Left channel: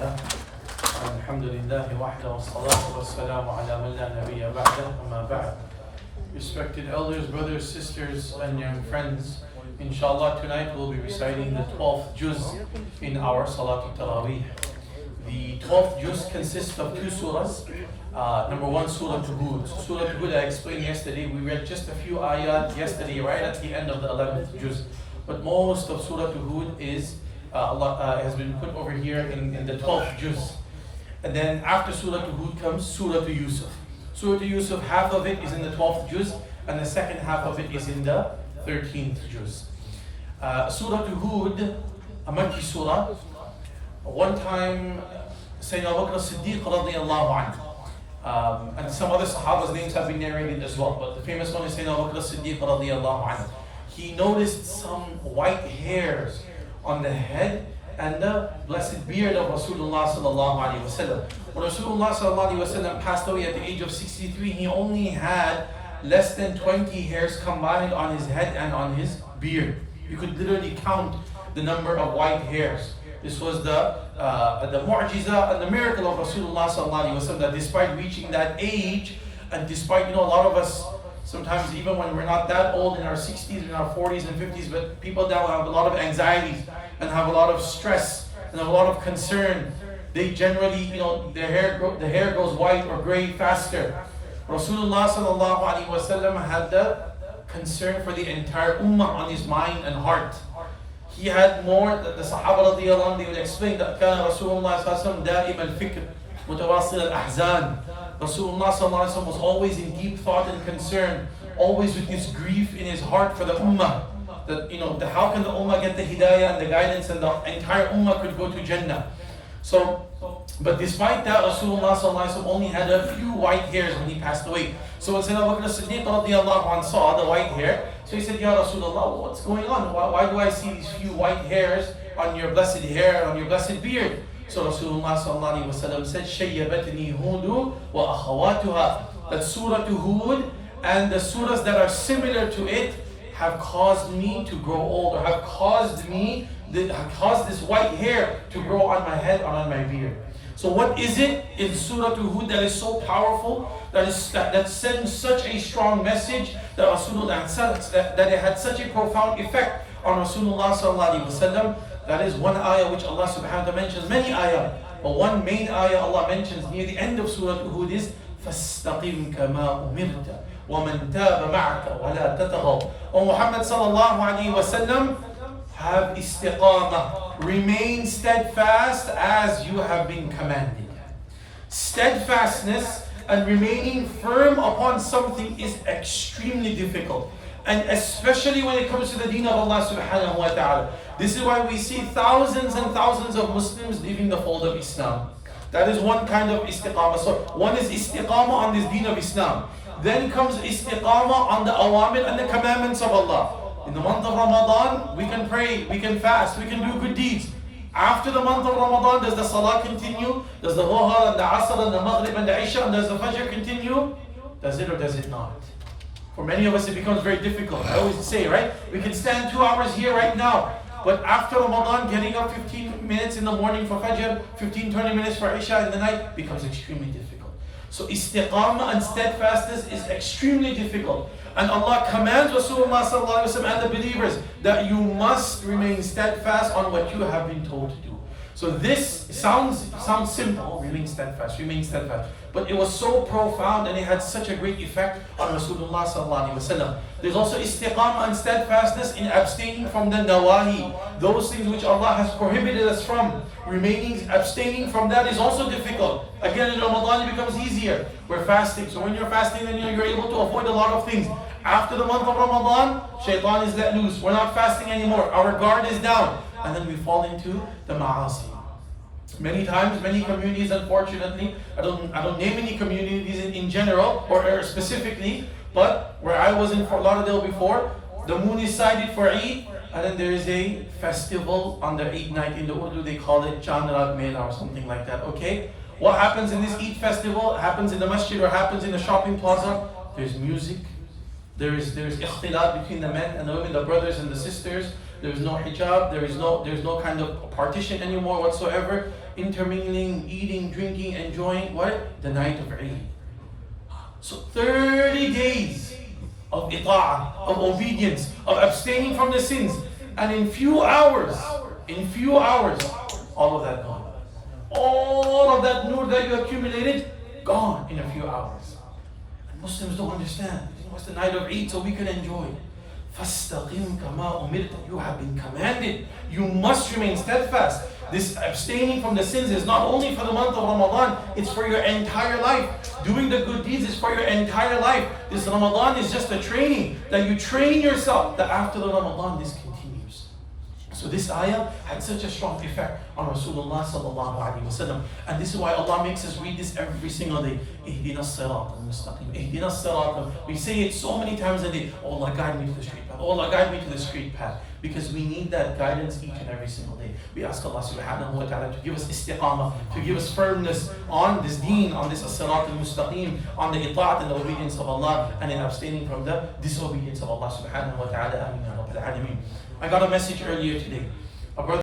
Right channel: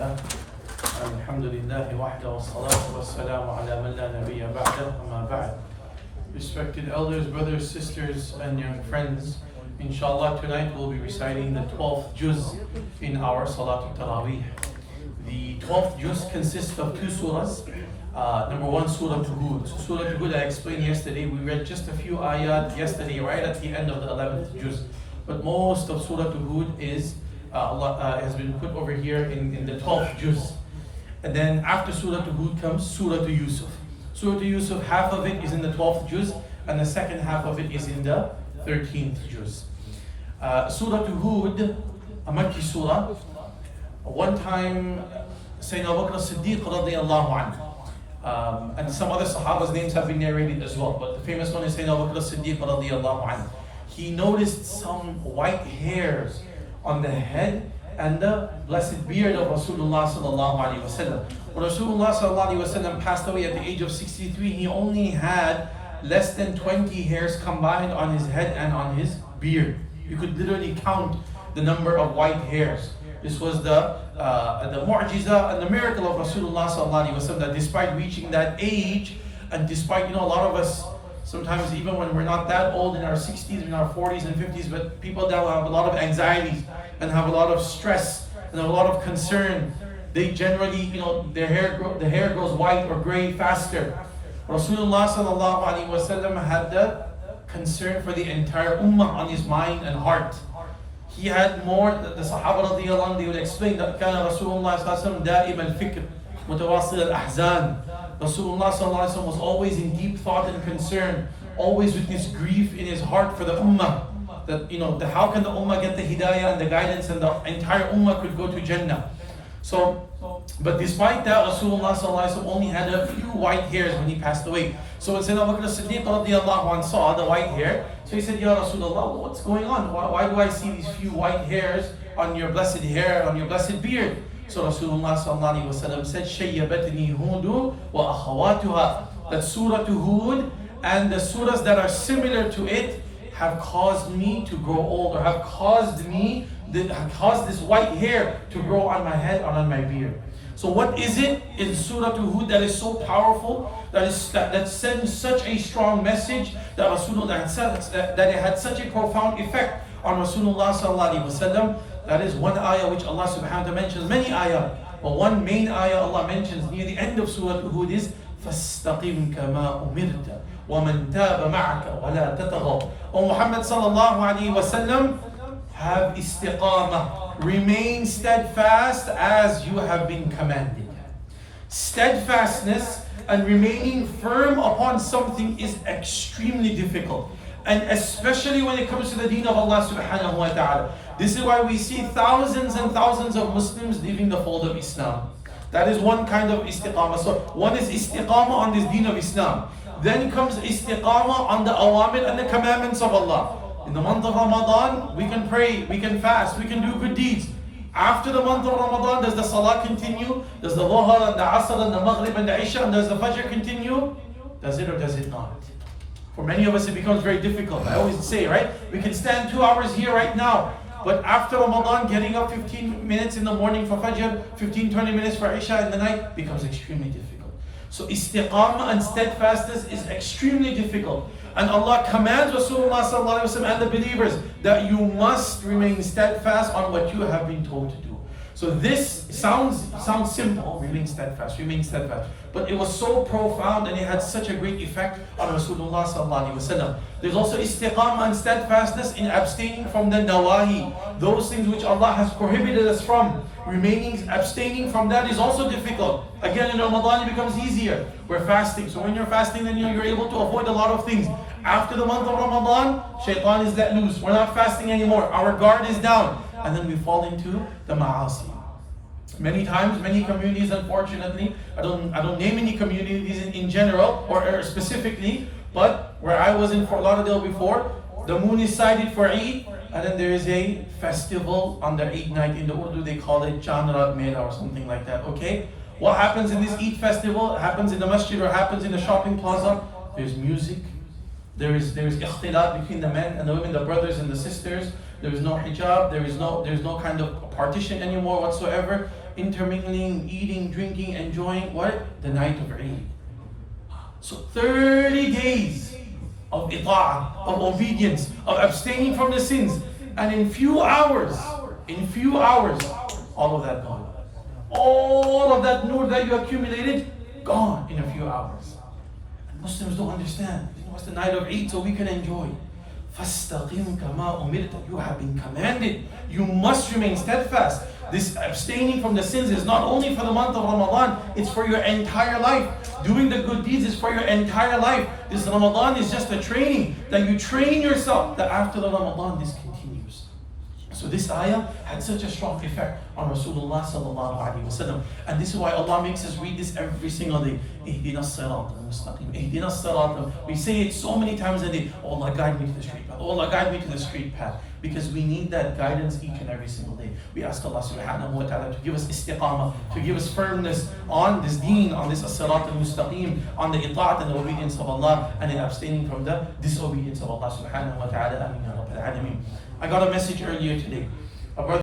الله الحمد لله وحده والصلاة والسلام على من لا نبي بعده أما بعد. Respected elders, brothers, sisters, and young friends, inshallah tonight we'll be reciting the 12th juz in our Salatul Taraweeh. The 12th juz consists of two surahs. Number one, Surah Hud. Surah Hud, I explained yesterday. We read just a few ayat yesterday, right at the end of the 11th juz. But most of Surah Hud is has been put over here in the 12th juz. And then after Surah Hud comes Surah Yusuf. Surah Yusuf, half of it is in the 12th juz, and the second half of it is in the 13th juz. Surah Hud, a Makki surah. One time, Sayyidina Abu Bakr as-Siddiq radiyallahu anhu, and some other Sahaba's names have been narrated as well, but the famous one is Sayyidina Abu Bakr as-Siddiq radiyallahu anhu. He noticed some white hairs on the head and the blessed beard of Rasulullah sallallahu alaihi wasallam. When Rasulullah sallallahu alaihi wasallam passed away at the age of 63, he only had less than 20 hairs combined on his head and on his beard. You could literally count the number of white hairs. This was the mu'jiza and the miracle of Rasulullah sallallahu alaihi wasallam, that despite reaching that age, and despite, a lot of us, sometimes even when we're not that old, in our 60s, in our 40s and 50s, but people that have a lot of anxieties and have a lot of stress and a lot of concern, they generally, the hair grows white or gray faster. Rasulullah sallallahu alaihi wasallam had the concern for the entire ummah on his mind and heart. He had more, the Sahaba radiyallahu anhu, they would explain that كان رسول الله صلى الله عليه وسلم دائم الفكر متواصل الأحزان. Rasulullah sallallahu alaihi wasallam was always in deep thought and concern, always with this grief in his heart for the ummah. That how can the ummah get the hidayah and the guidance, and the entire ummah could go to Jannah. So, but despite that, Rasulullah sallallahu alaihi wasallam only had a few white hairs when he passed away. So when Sayyidina Abu Bakr as-Siddiq radiyallahu anhu saw the white hair, so he said, Ya Rasulullah, what's going on? Why do I see these few white hairs on your blessed hair, on your blessed beard? So Rasulullah sallallahu alaihi wasallam said, Shayyabatni Hudu wa akhawatuha. That Surah Hud and the surahs that are similar to it have caused me to grow old, or have caused this white hair to grow on my head or on my beard. So what is it in Surah Hud that is so powerful, that sends such a strong message, that Rasulullah that it had such a profound effect on Rasulullah sallallahu alaihi wasallam? That is one ayah which Allah subhanahu wa ta'ala mentions, many ayah, but one main ayah Allah mentions near the end of Surah Hud is فَاسْتَقِمْ كَمَا أُمِرْتَ وَمَنْ تَابَ مَعَكَ وَلَا تَطَغَوْا. O Muhammad sallallahu alaihi wasallam, have istiqamah, remain steadfast as you have been commanded. Steadfastness and remaining firm upon something is extremely difficult, and especially when it comes to the deen of Allah subhanahu wa ta'ala. This is why we see thousands and thousands of Muslims leaving the fold of Islam. That is one kind of istiqamah. So one is istiqamah on this deen of Islam. Then comes istiqamah on the awamir and the commandments of Allah. In the month of Ramadan, we can pray, we can fast, we can do good deeds. After the month of Ramadan, does the salah continue? Does the dhuhr and the asr and the maghrib and the isha and does the fajr continue? Does it or does it not? For many of us it becomes very difficult. I always say, right? We can stand 2 hours here right now, but after Ramadan, getting up 15 minutes in the morning for fajr, 15-20 minutes for isha in the night becomes extremely difficult. So istiqamah and steadfastness is extremely difficult. And Allah commands Rasulullah sallallahu alaihi wasallam and the believers that you must remain steadfast on what you have been told to do. So this sounds simple, remain steadfast. But it was so profound and it had such a great effect on Rasulullah sallallahu alaihi wasallam. There's also istiqamah and steadfastness in abstaining from the nawahi, those things which Allah has prohibited us from. Abstaining from that is also difficult. Again, in Ramadan it becomes easier. We're fasting, so when you're fasting, then you're able to avoid a lot of things. After the month of Ramadan, shaitan is let loose. We're not fasting anymore. Our guard is down. And then we fall into the ma'asi. Many times, many communities, unfortunately, I don't name any communities in general or specifically, but where I was in Fort Lauderdale before, the moon is sighted for Eid, and then there is a festival on the Eid night. In the Urdu they call it Chandrat Mela or something like that, okay? What happens in this Eid festival? It happens in the masjid or happens in the shopping plaza. There's music, there is ikhtilat between the men and the women, the brothers and the sisters. There is no hijab, there is no kind of partition anymore whatsoever. intermingling, eating, drinking, enjoying what? The night of Eid. So 30 days of ita'ah, of obedience, of abstaining from the sins. And in few hours, all of that gone. All of that nur that you accumulated, gone in a few hours. And Muslims don't understand. It's the night of Eid, so we can enjoy. فَاسْتَقِمْ كَمَا أُمِرْتَ. You have been commanded. You must remain steadfast. This abstaining from the sins is not only for the month of Ramadan, it's for your entire life. Doing the good deeds is for your entire life. This Ramadan is just a training, that you train yourself, that after the Ramadan this continues. So this ayah had such a strong effect on Rasulullah sallallahu alaihi wasallam. And this is why Allah makes us read this every single day. Ihdina as-sirat al-mustaqim. Ihdina as-sirat. We say it so many times a day. Oh Allah, guide me to the straight path. Oh Allah, guide me to the straight path. Because we need that guidance each and every single day. We ask Allah subhanahu wa ta'ala to give us istiqamah, to give us firmness on this deen, on this as-sirat al-mustaqim, on the ita'at and the obedience of Allah, and in abstaining from the disobedience of Allah subhanahu wa ta'ala. Ameen ya Rabbil Alameen. I got a message earlier today. A brother